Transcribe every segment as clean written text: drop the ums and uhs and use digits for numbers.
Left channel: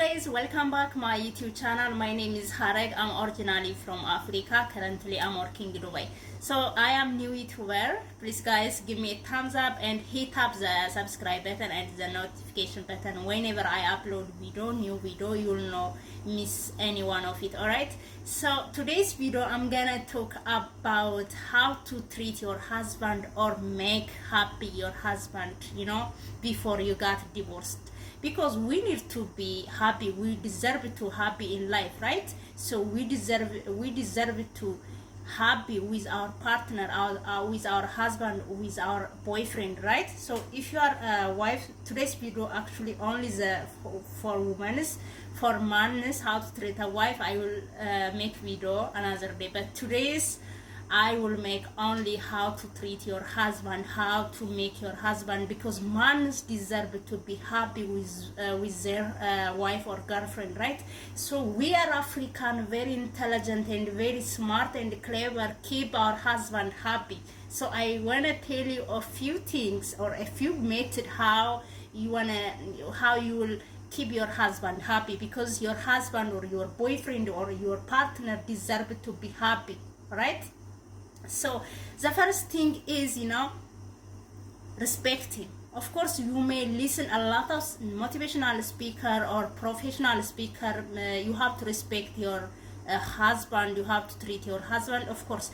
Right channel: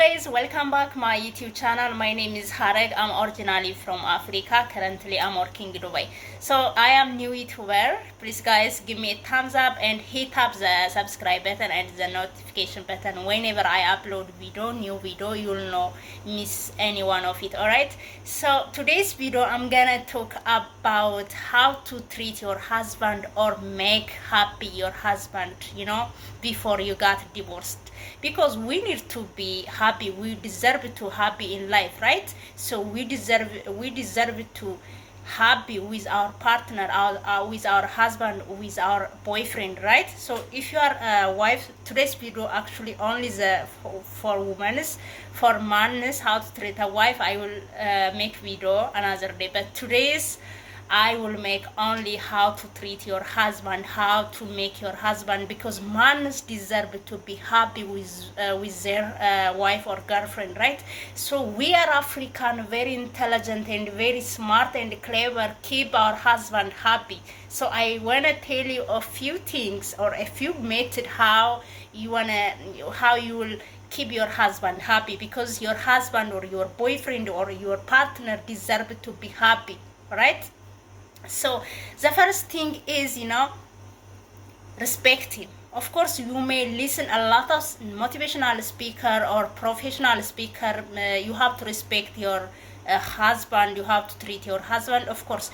guys, welcome back my YouTube channel. My name is Hareg. I'm originally from Africa. Currently I'm working in Dubai. So I am new YouTuber. Please guys give me a thumbs up and hit up the subscribe button and the notification button. Whenever I upload new video, you'll not miss any one of it. Alright, so today's video I'm gonna talk about how to treat your husband or make happy your husband, before you got divorced, because we need to be happy. We deserve to happy in life, right? So we deserve to happy with our partner, with our husband, with our boyfriend, right? So if you are a wife, today's video actually only for women. For men, how to treat a wife, I will make video another day, but today's I will make only how to treat your husband, how to make your husband, because men deserve to be happy with their wife or girlfriend, right? So we are African, very intelligent and very smart and clever, keep our husband happy. So I wanna tell you a few things or a few methods how you will keep your husband happy, because your husband or your boyfriend or your partner deserve to be happy, right? So the first thing is, respect him. Of course, you may listen a lot of motivational speaker or professional speaker. You have to respect your husband. You have to treat your husband, of course.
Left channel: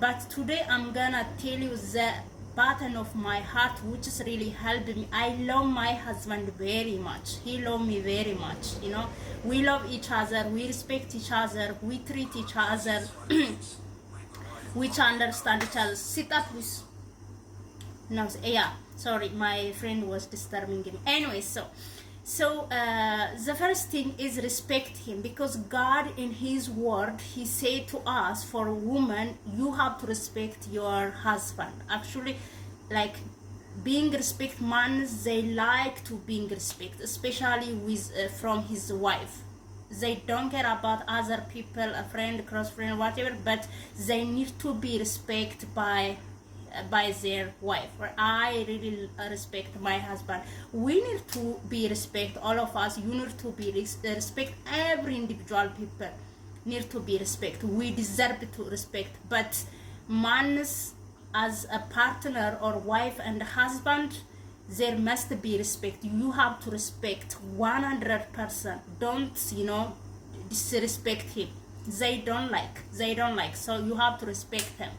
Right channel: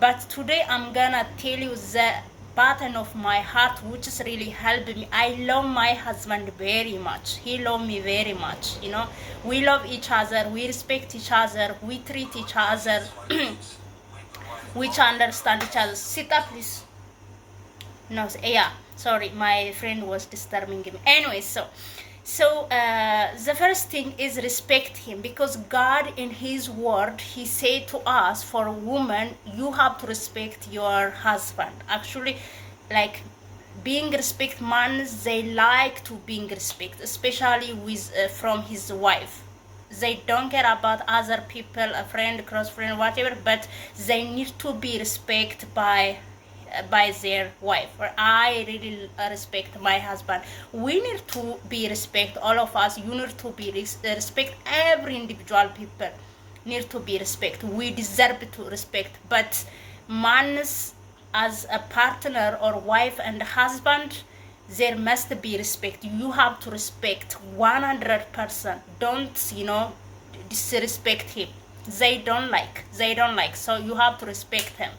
But today I'm gonna tell you the button of my heart, which is really helped me. I love my husband very much. He loves me very much. We love each other. We respect each other. We treat each other. Which understand each other. Sit up, please. No, yeah, sorry, my friend was disturbing him. Anyway, so the first thing is respect him, because God in his word, he said to us, for women, you have to respect your husband. Actually, like, being respect, man, they like to being respect, especially with from his wife. They don't care about other people, a friend, close friend, whatever, but they need to be respected by their wife. Or I really respect my husband. We need to be respect, all of us. You need to be respect. Every individual people need to be respect. We deserve to respect. But man, as a partner or wife and husband, there must be respect. You have to respect 100%. Don't disrespect him. They don't like, so you have to respect him,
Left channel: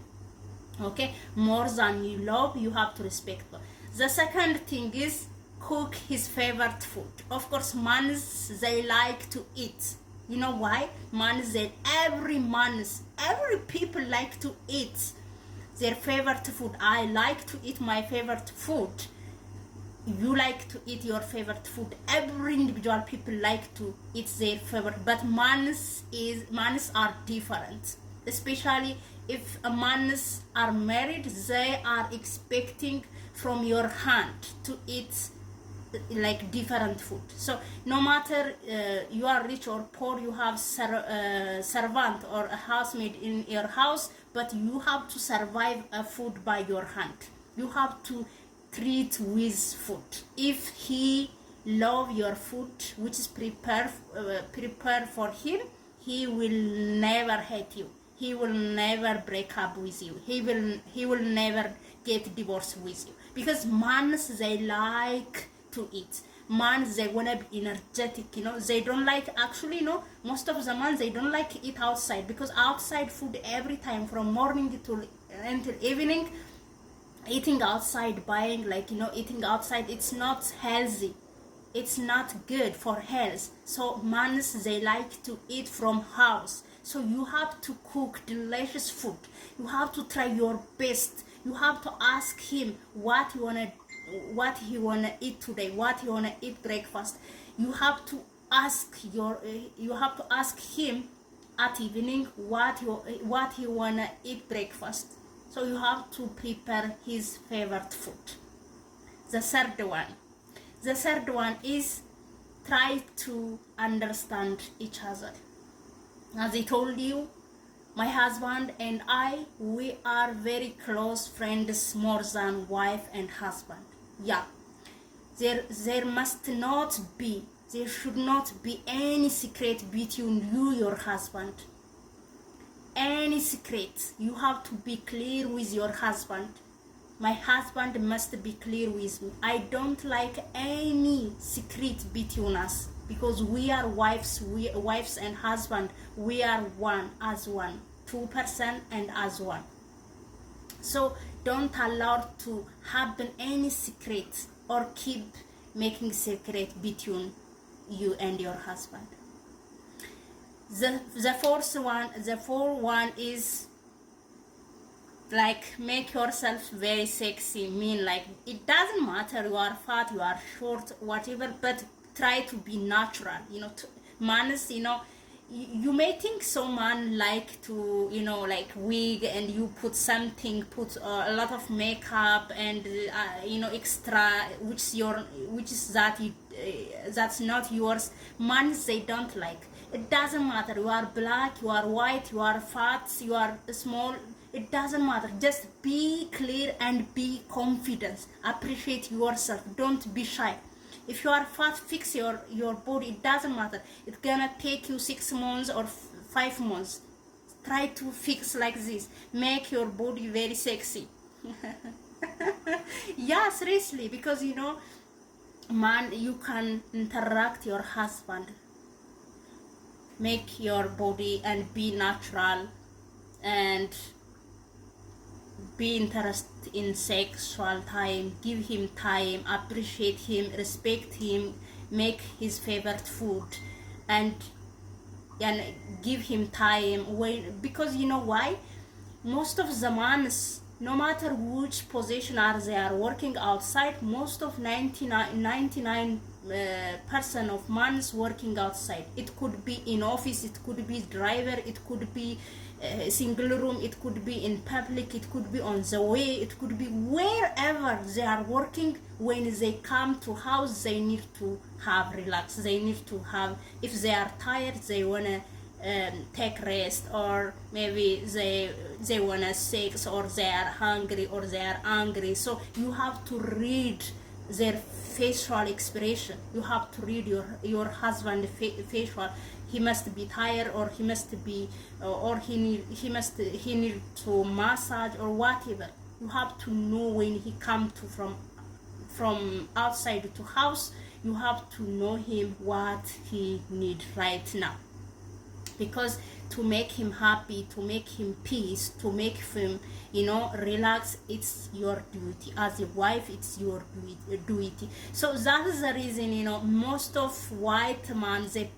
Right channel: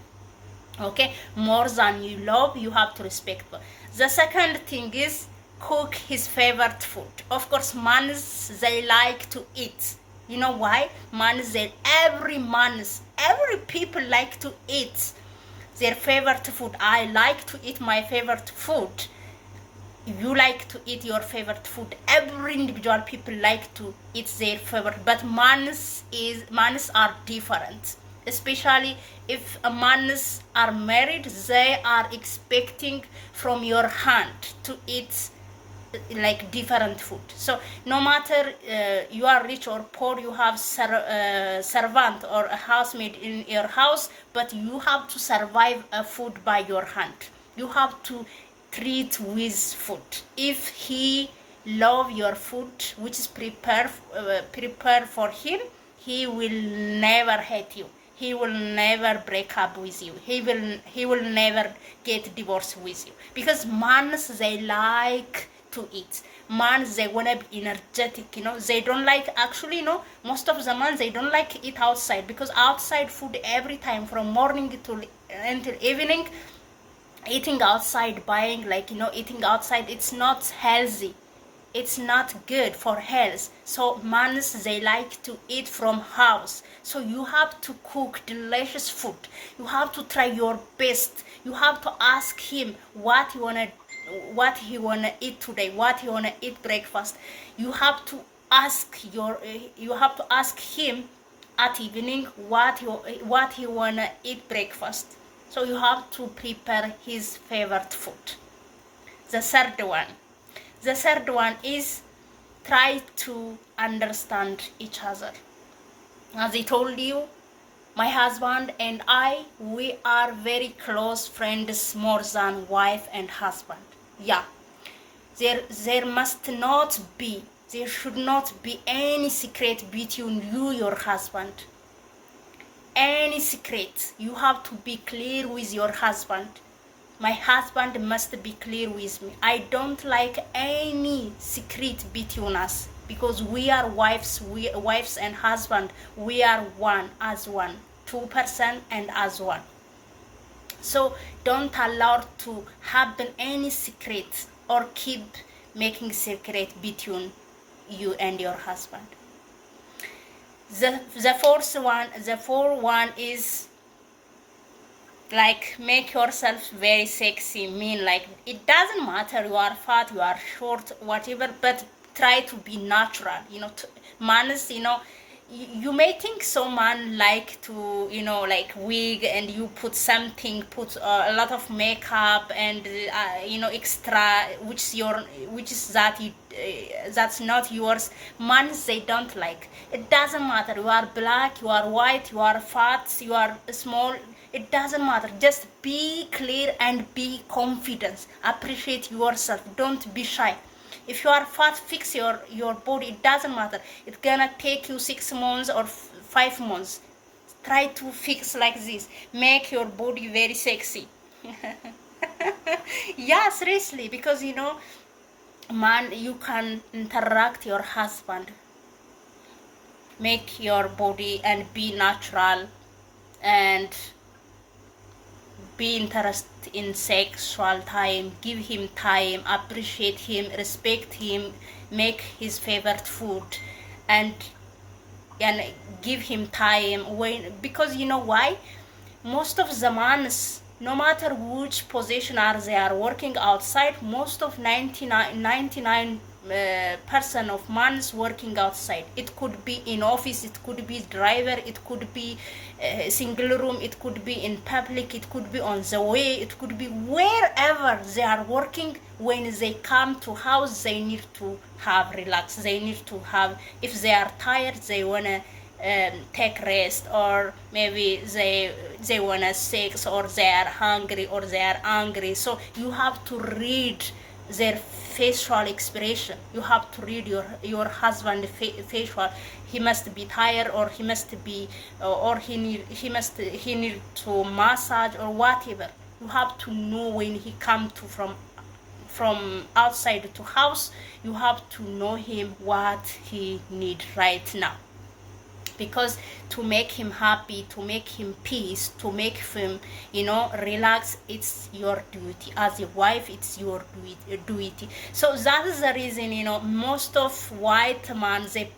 okay? More than you love, you have to respect him. The second thing is cook his favorite food. Of course, men, they like to eat. You know why? Every people like to eat their favorite food. I like to eat my favorite food. You like to eat your favorite food. Every individual people like to eat their favorite, but mans are different. Especially if mans are married, they are expecting from your hand to eat like different food. So no matter you are rich or poor, you have servant or a housemaid in your house, but you have to survive a food by your hand. You have to treat with food. If he love your food, which is prepared for him, he will never hate you. He will never break up with you. He will never get divorced with you, because men, they like to eat. Men, they wanna be energetic. They don't like, actually, most of the men, they don't like eat outside, because outside food every time from morning until evening. Eating outside, buying, eating outside, it's not healthy. It's not good for health. So men, they like to eat from house. So you have to cook delicious food. You have to try your best. You have to ask him what he wanna eat today, what he wanna eat breakfast. You have to ask him at evening what he wanna eat breakfast. So you have to prepare his favorite food. The third one is try to understand each other. As I told you, my husband and I, we are very close friends, more than wife and husband. Yeah, there must not be There should not be any secret between you, your husband. Any secret. You have to be clear with your husband. My husband must be clear with me. I don't like any secret between us, because we are wives, wives and husband. We are one, as one, 2% and as one. So don't allow to happen any secret or keep making secret between you and your husband. The fourth one is like make yourself very sexy. Mean like it doesn't matter you are fat, you are short, whatever, but try to be natural. Mans, you may think some man like to like wig, and you put a lot of makeup and extra, which is that's not yours. Man, they don't like. It doesn't matter you are black, you are white, you are fat, you are small, it doesn't matter. Just be clear and be confident. Appreciate yourself. Don't be shy. If you are fat, fix your body. It doesn't matter. It's gonna take you 6 months or 5 months. Try to fix like this. Make your body very sexy. Yeah, seriously, because man, you can interact your husband. Make your body and be natural, and be interested in sexual time. Give him time, appreciate him, respect him, make his favorite food, and give him time. Because you know why? Most of the men, no matter which position they are working outside, most of 99% of men working outside. It could be in office, it could be driver, it could be single room, it could be in public, it could be on the way, it could be wherever they are working. When they come to house, they need to have relax. They need to have, if they are tired, they wanna take rest, or maybe they wanna sex, or they are hungry, or they are angry. So you have to read their facial expression. You have to read your husband facial. He must be tired, or he must be, or he need to massage or whatever. You have to know when he come to from outside to house. You have to know him what he need right now, because to make him happy, to make him peace, to make him relax, it's your duty as a wife. It's your duty. So that is the reason most of white men, they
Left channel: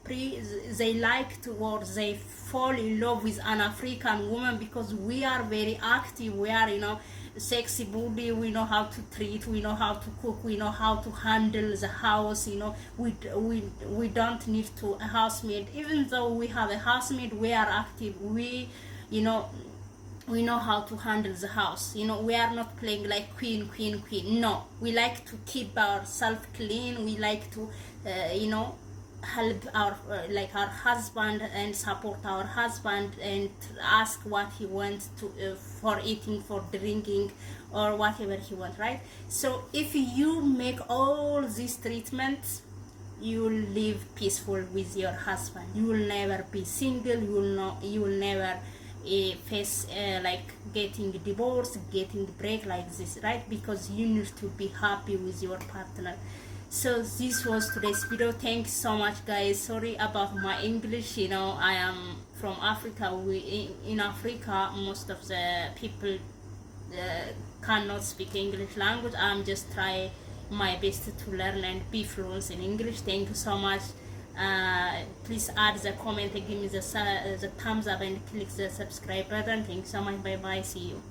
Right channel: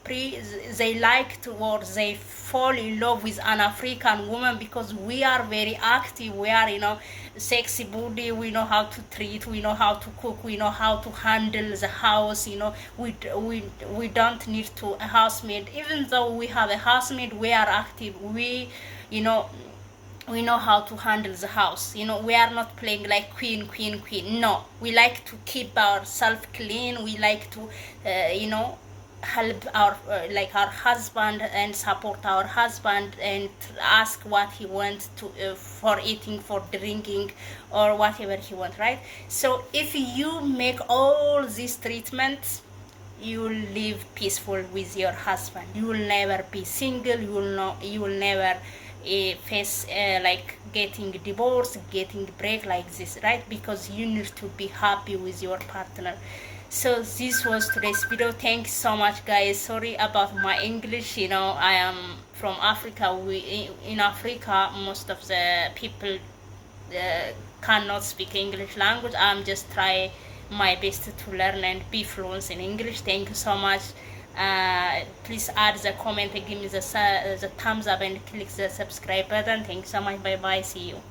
like to, or they fall in love with an African woman, because we are very active. We are sexy body. We know how to treat, we know how to cook, we know how to handle the house. We don't need to a housemaid. Even though we have a housemaid, we are active. We know how to handle the house. We are not playing like queen. No, we like to keep ourselves clean. We like to help our husband, and support our husband, and ask what he wants to for eating, for drinking, or whatever he wants, right? So if you make all these treatments, you will live peaceful with your husband. You will never be single. You will never face like getting divorced, getting break like this, right? Because you need to be happy with your partner. So this was today's video. Thanks so much, guys. Sorry about my English. I am from Africa. In Africa, most of the people cannot speak English language. I'm just trying my best to learn and be fluent in English. Thank you so much. Please add the comment and give me the thumbs up, and click the subscribe button. Thank you so much. Bye bye. See you.